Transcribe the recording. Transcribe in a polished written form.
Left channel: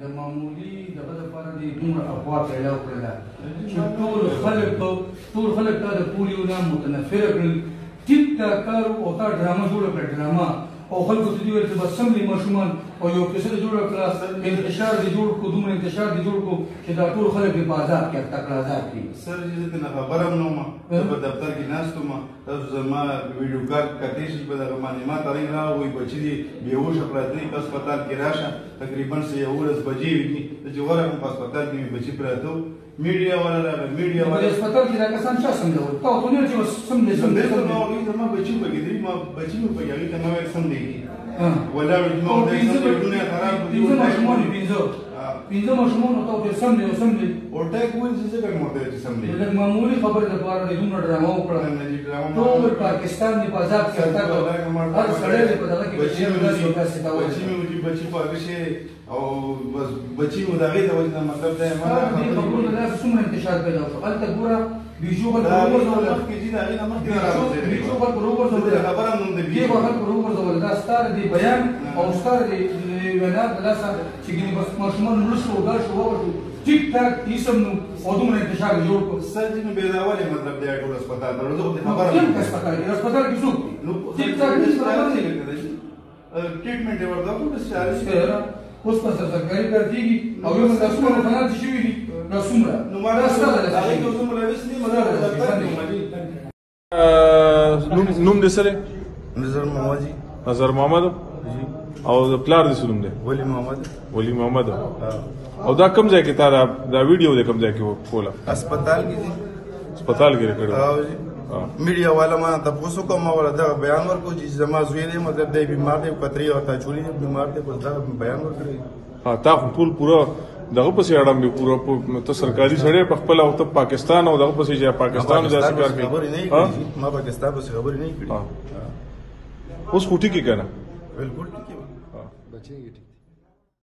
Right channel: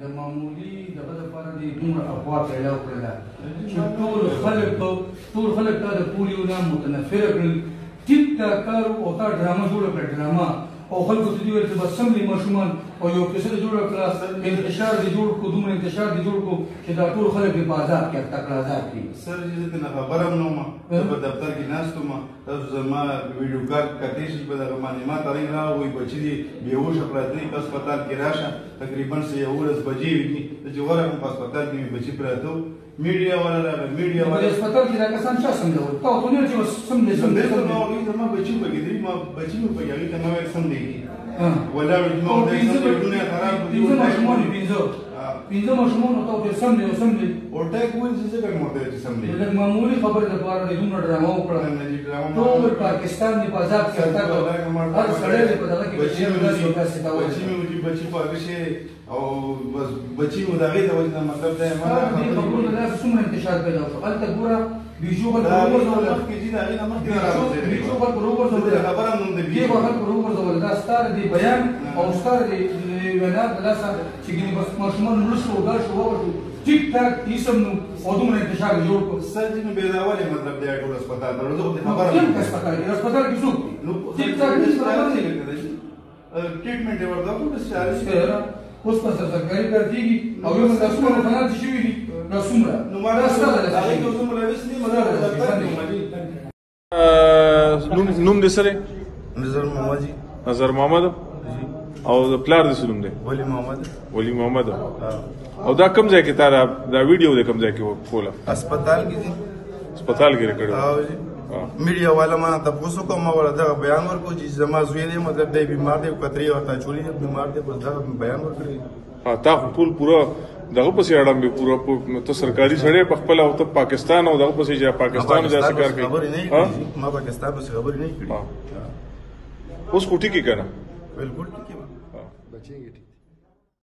د معمولي دغه لپاره دې دومره افوا پیدا وکړله چې ټول خلک تا د پولیو نه متنفره کړل ټیک ټاک کار او تا ډرامه جوړه کړه ډرامه او خلکو ته دې ویل چې بس سم دي ماشومان او یو کیسه دې جوړه کړه انتشار دې جوړ کړو دومره انتشار دې جوړ کړو چې دا ټول خلک دې په عذاب کې تکړه عذاب کړي سر زه ته نه خبره هم نه وم زه په دفتر کې ناست وم تاسو زما ویډیو کال کتلی شي په دغه باندې ما ته رنګ راغی بچي دې بېهوشه پراته دي په هسپتال کې راشه تقریبا 11 بجې وي چې ورغلم په هسپتال کې مې بچي پراته وو میډیا والا راغی میډیا والا په هسپتال کې دا کسان چا سمجول تا خو نه چې سم دې ما بچي پکې دي ما بچي مې پکې هغې ته ما ویل سم دی ولاړ ما ورته خراب دي پنځه ماشومانو ته ورته سم دی او سم دی ورته وویل چې څه کوم ورته چې سم دی لږ معمولي خبرې لپاره دې دومره ډرامه وکړه ټول پاکستان دې په عذاب کې هر سړی دې په دغه کې بچي په هغه شي او بس بچي مو د هغې د وجې نه مطلب دی دې خبرونو داسې څومره انتشار پیدا وشو هلته ګوره بیجو خلک راوغورځول دا ستا د دې بیان او ستا د وینا د لاسه چې ګینې بس ماشومان مړه شو ګډ شو ووتو ټیک ټاک ایسم نو او دومره انتشار جوړ کړو سر چې نو بېداولې مطلب دی ټول هسپتال ته زه خو دې خبره هسپتال کې څوک دي ټیک ټاک ټریټمنټ یې ورته وکړو بس چارج اوس په سرکاري کار کېږي او یو دا څومره مخالفت شوي دي دا څومره نو ما دا ستا د هغې ته څومره ویس دي نوم دې څه دی؟ نظر محمد نظر محمد او د پلار دې څه نوم دی؟ ولی محمد او دا کوم ځای کې تا دا ویډیو دی کوم ځای کې کوله؟ هسپتال کې دي هسپتال کې کړی میډیا والا ما تاسو کوم ولا دا بیان ورکو چې زما زوی نه مګر دی بیمار دی کتري او تچولي بیمار دی بس دا بیان ورکړي تا ټول پورا دغه پسې اړم به پورا ته سرکاري سړی په خپل او ته پاکستان او دغه پسې چې پاکستان داسې کار کوي ما پاکستان پسې خبرې نه کړې اوس کوټي کې کنه بالکل